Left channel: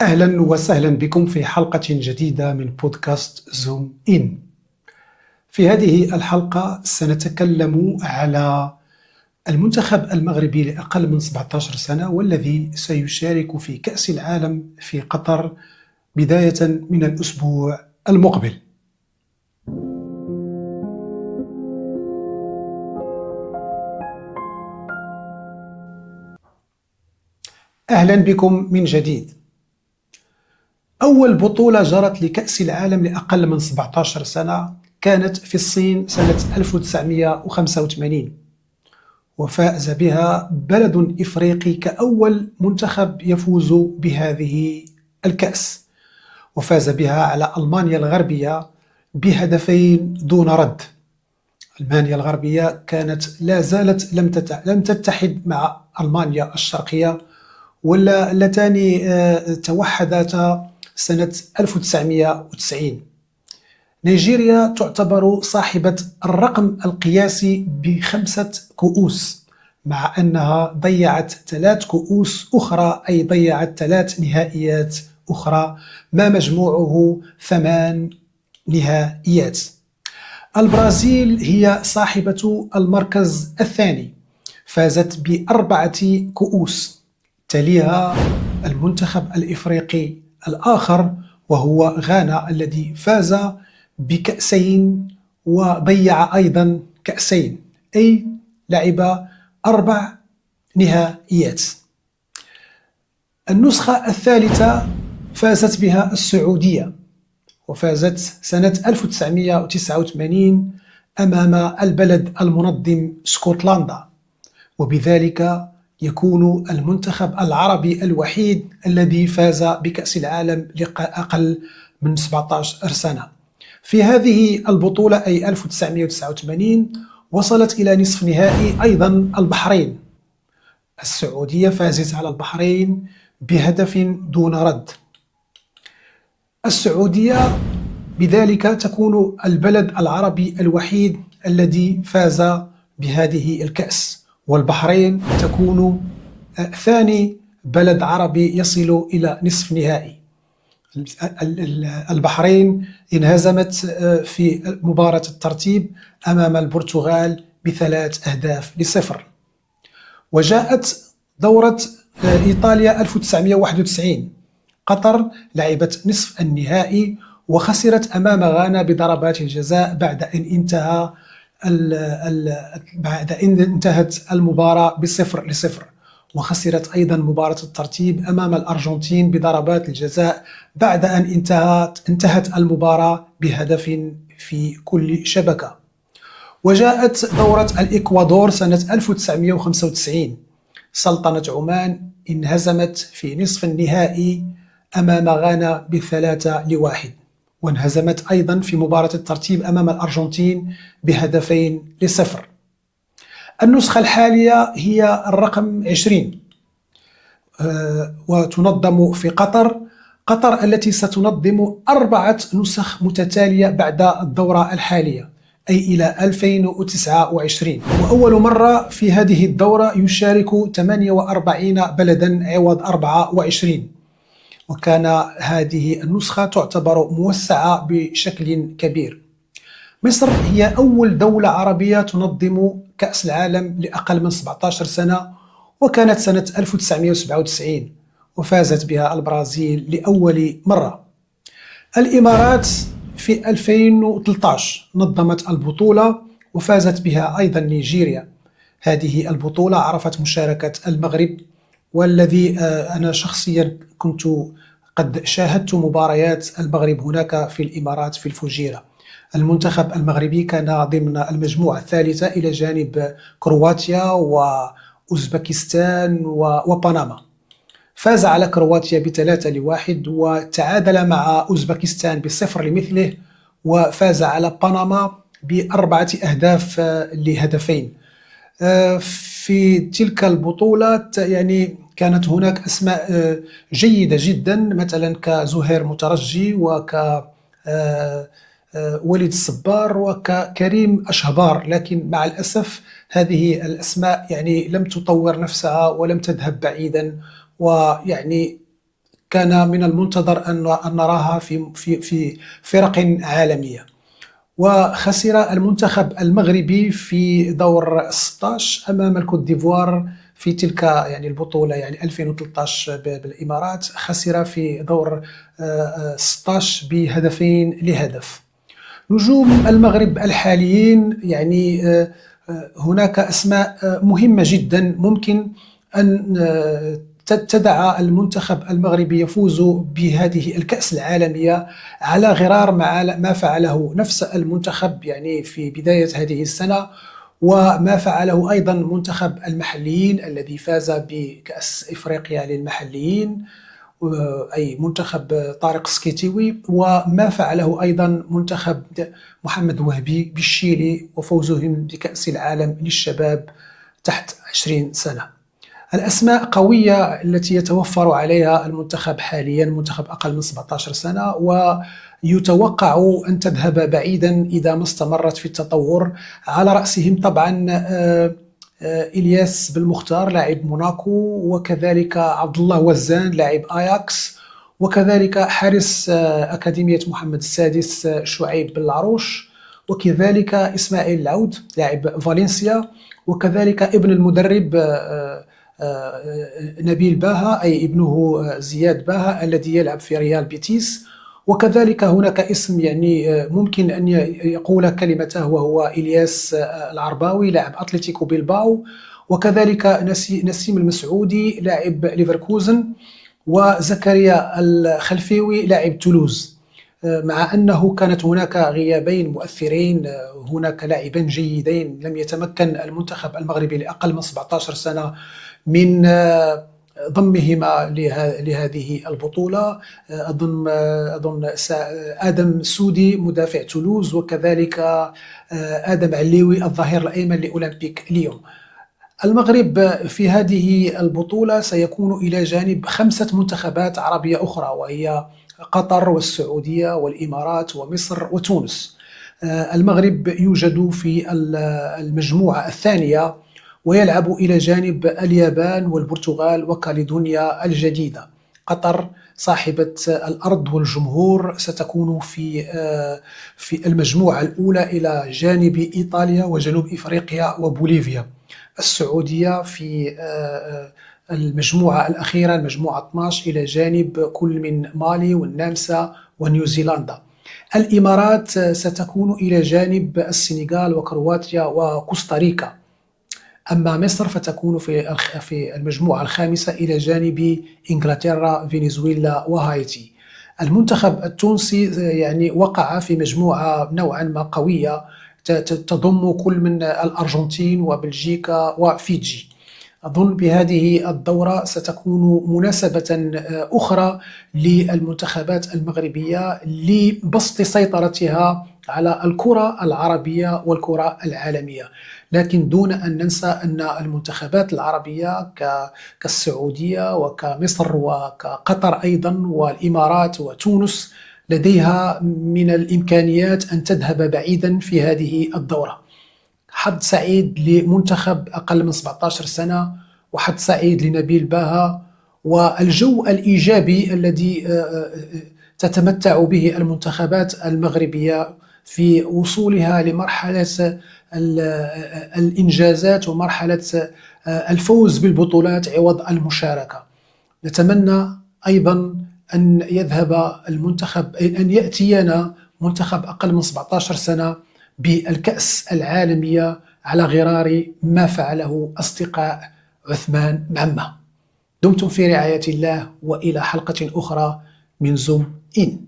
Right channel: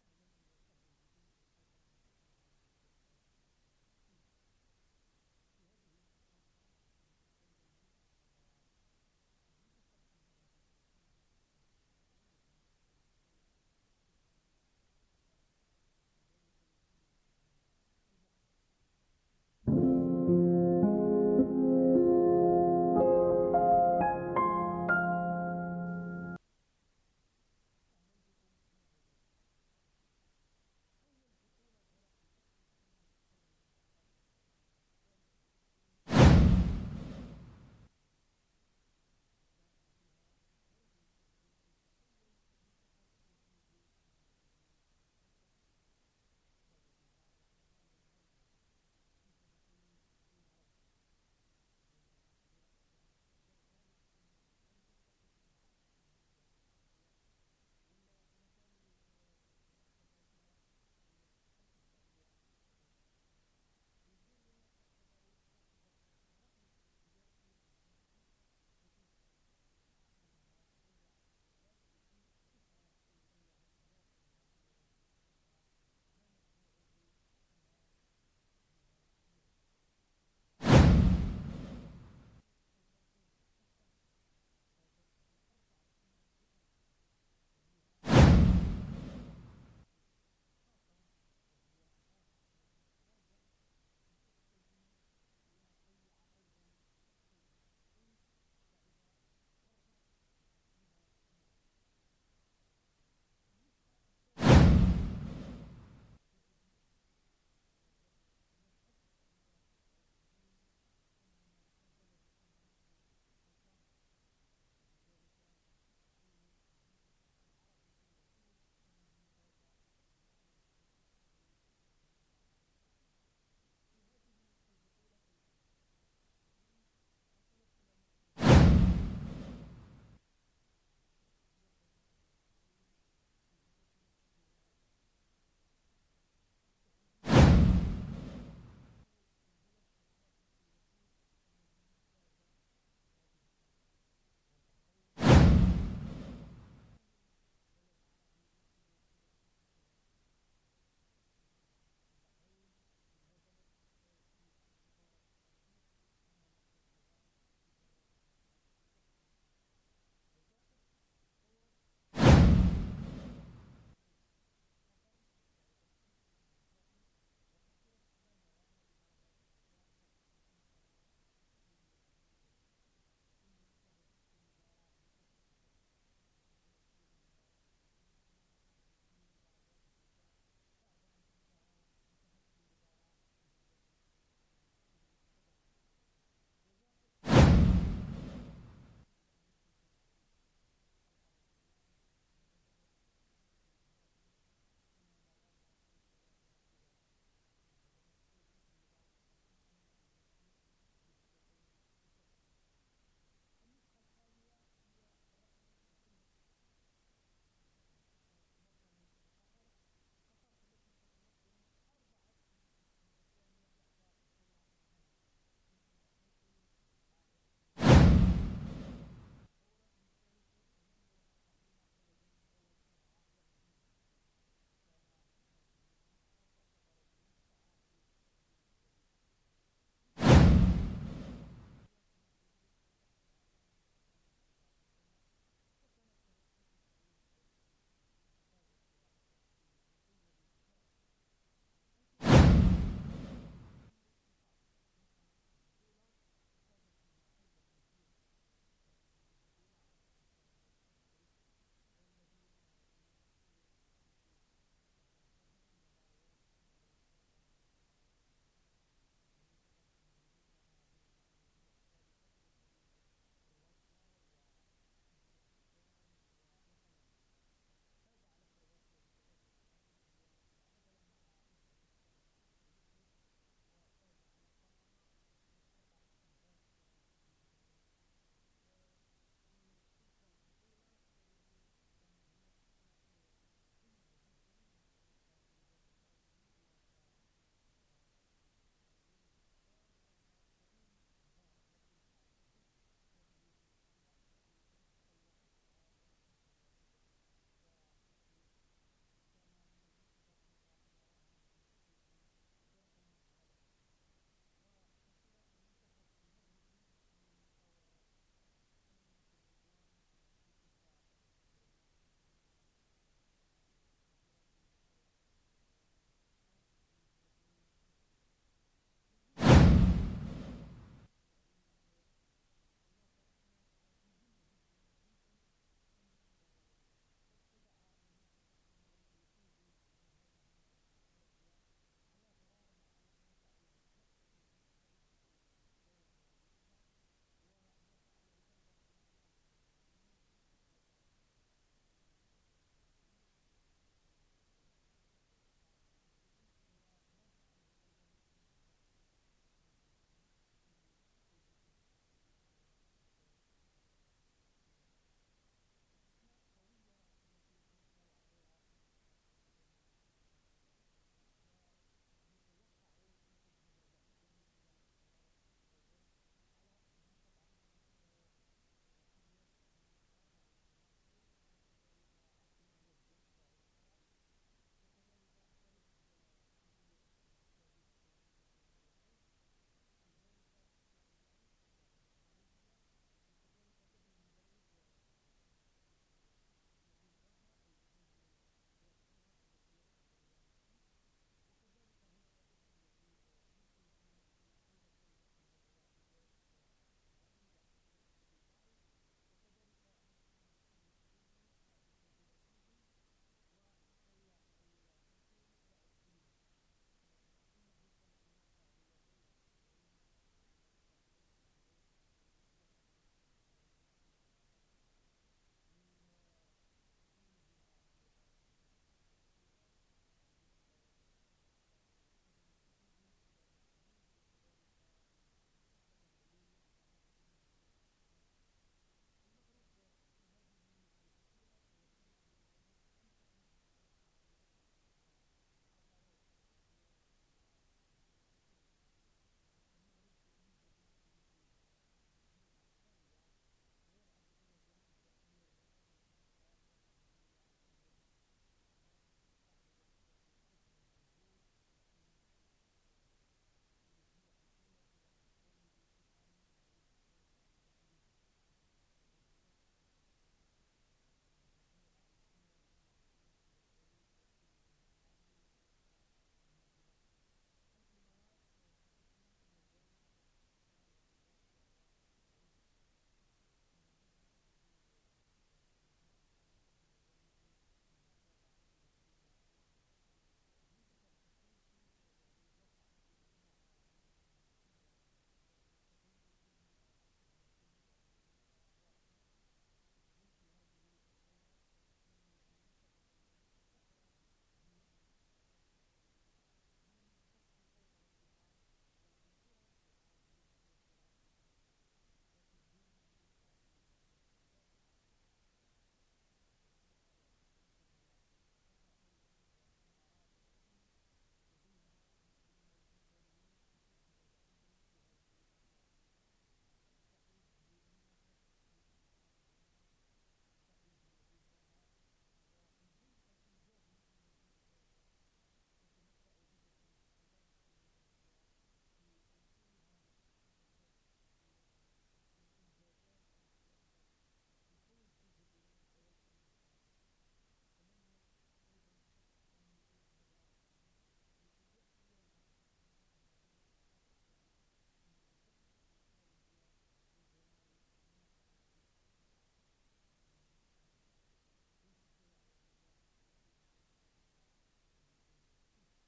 أهلا وسهلا بكم في حلقة جديدة من بودكاست زوم إن. في هذه الحلقة سنتكلم على المنتخب المغربي لأقل من 17 سنة والذي سيشارك في كأس العالم في قطر بداية من الأسبوع المقبل. أهلا بكم من جديد. أول بطولة جرت لكأس العالم لأقل من 17 سنة كانت في الصين سنة 1985، وفاز بها بلد إفريقي كأول منتخب يفوز بهذه الكأس، وفاز بها على ألمانيا الغربية بهدفين دون رد. ألمانيا الغربية كانت لا زالت لم تتحد مع ألمانيا الشرقية، واللتان توحدتا سنة 1990. نيجيريا تعتبر صاحبة الرقم القياسي ب5 كؤوس، مع أنها ضيعت 3 كؤوس أخرى، أي ضيعت 3 نهائيات أخرى، ما مجموعه 8 نهائيات. البرازيل هي صاحبة المركز الثاني، فازت ب4 كؤوس. تليها المنتخب الإفريقي الآخر وهو غانا، الذي فاز بكأسين وضيع أيضا كأسين، أي لعب 4 نهائيات. النسخة الثالثة فازت بها السعودية، وفازت سنة 1989 أمام البلد المنظم اسكتلندا، وبذلك يكون المنتخب العربي الوحيد الذي فاز بكأس العالم لأقل من 17 سنة. في هذه البطولة أي 1989 وصلت إلى نصف نهائي أيضا البحرين. السعودية فازت على البحرين بهدف دون رد. السعودية بذلك تكون البلد العربي الوحيد الذي فاز بهذه الكأس، والبحرين تكون ثاني بلد عربي يصل إلى نصف نهائي. البحرين انهزمت في مباراة الترتيب أمام البرتغال ب3-0. وجاءت دورة إيطاليا 1991. قطر لعبت نصف النهائي وخسرت أمام غانا بضربات الجزاء بعد أن انتهت المباراة ب0-0. وخسرت أيضا مباراة الترتيب أمام الأرجنتين بضربات الجزاء بعد أن انتهت المباراة بهدف في كل شبكة. وجاءت دورة الإكوادور سنة 1995. سلطنة عمان انهزمت في نصف النهائي أمام غانا ب3-1، وانهزمت أيضا في مباراة الترتيب أمام الأرجنتين ب2-0. النسخة الحالية هي الرقم 20، وتنظم في قطر. قطر التي ستنظم 4 نسخ متتالية بعد الدورة الحالية، أي إلى 2029. وأول مرة في هذه الدورة يشارك 48 بلدا عوض 24، وكان هذه النسخة تعتبر موسعة بشكل كبير. مصر هي أول دولة عربية تنظم كأس العالم لأقل من 17 سنة، وكانت سنة 1997، وفازت بها البرازيل لأول مرة. الإمارات في 2013 نظمت البطولة، وفازت بها أيضا نيجيريا. هذه البطولة عرفت مشاركة المغرب، والذي أنا شخصيا كنت قد شاهدت مباريات المغرب هناك في الإمارات في الفجيرة. المنتخب المغربي كان ضمن المجموعة الثالثة إلى جانب كرواتيا وأوزبكستان وبنما. فاز على كرواتيا ب3-1، وتعادل مع أوزبكستان ب0-0، وفاز على بنما ب4 أهداف لهدفين. في تلك البطولة يعني كانت هناك أسماء جيدة جدا، مثلا كزهير مترجي وليد الصبار وكريم أشهبار، لكن مع الأسف هذه الأسماء يعني لم تطور نفسها ولم تذهب بعيدا، ويعني كان من المنتظر أن نراها في فرق عالمية. وخسر المنتخب المغربي في دور 16 أمام الكوت ديفوار في تلك البطولة 2013 بالإمارات. خسر في دور 16 بهدفين لهدف. نجوم المغرب الحاليين هناك أسماء مهمة جدا ممكن أن تدعى المنتخب المغربي يفوز بهذه الكأس العالمية، على غرار ما فعله نفس المنتخب في بداية هذه السنة، وما فعله أيضا منتخب المحليين الذي فاز بكأس إفريقيا للمحليين، أي منتخب طارق سكيتيوي، وما فعله أيضا منتخب محمد وهبي بالشيلي وفوزهم بكأس العالم للشباب تحت 20 سنة. الأسماء قوية التي يتوفر عليها المنتخب حاليا، منتخب أقل من 17 سنة، ويتوقع أن تذهب بعيدا إذا ما استمرت في التطور. على رأسهم طبعا إلياس بالمختار لاعب موناكو، وكذلك عبد الله وزان لاعب آياكس، وكذلك حارس أكاديمية محمد السادس شعيب بالعروش، وكذلك إسماعيل العود لاعب فالنسيا، وكذلك ابن المدرب نبيل باها أي ابنه زياد باها الذي يلعب في ريال بيتيس. وكذلك هناك اسم ممكن أن يقول كلمته، وهو إلياس العرباوي لاعب أتلتيكو بيلباو، وكذلك نسيم المسعودي لاعب ليفركوزن، وزكريا الخلفيوي لاعب تولوز. مع أنه كانت هناك غيابين مؤثرين، هناك لاعبين جيدين لم يتمكن المنتخب المغربي لأقل من 17 سنة من ضمهما لهذه البطولة. أظن آدم سودي مدافع تولوز، وكذلك آدم عليوي الظهير الأيمن لأولمبيك ليون. المغرب في هذه البطولة سيكون إلى جانب 5 منتخبات عربية أخرى، وهي قطر والسعودية والإمارات ومصر وتونس. المغرب يوجد في المجموعة الثانية، ويلعب إلى جانب اليابان والبرتغال وكاليدونيا الجديدة. قطر صاحبة الأرض والجمهور ستكون في المجموعة الأولى إلى جانب إيطاليا وجنوب إفريقيا وبوليفيا. السعودية في المجموعة الأخيرة المجموعة 12 إلى جانب كل من مالي والنمسا ونيوزيلندا. الإمارات ستكون إلى جانب السنغال وكرواتيا وكوستاريكا. أما مصر فتكون في المجموعة الخامسة إلى جانب إنجلترا، فنزويلا وهايتي. المنتخب التونسي وقع في مجموعة نوعا ما قوية تضم كل من الأرجنتين وبلجيكا وفيجي. أظن بهذه الدورة ستكون مناسبة أخرى للمنتخبات المغربية لبسط سيطرتها على الكرة العربية والكرة العالمية، لكن دون أن ننسى أن المنتخبات العربية كالسعودية وكمصر وكقطر أيضا والإمارات وتونس لديها من الإمكانيات أن تذهب بعيدا في هذه الدورة. حظ سعيد لمنتخب أقل من 17 سنة، وحظ سعيد لنبيل باها، والجو الإيجابي الذي تتمتع به المنتخبات المغربية في وصولها لمرحلة الإنجازات ومرحلة الفوز بالبطولات عوض المشاركة. نتمنى أيضا أن يأتينا منتخب أقل من 17 سنة بالكأس العالمية على غرار ما فعله أصدقاء عثمان معمة. دمتم في رعاية الله، وإلى حلقة أخرى من زوم إن.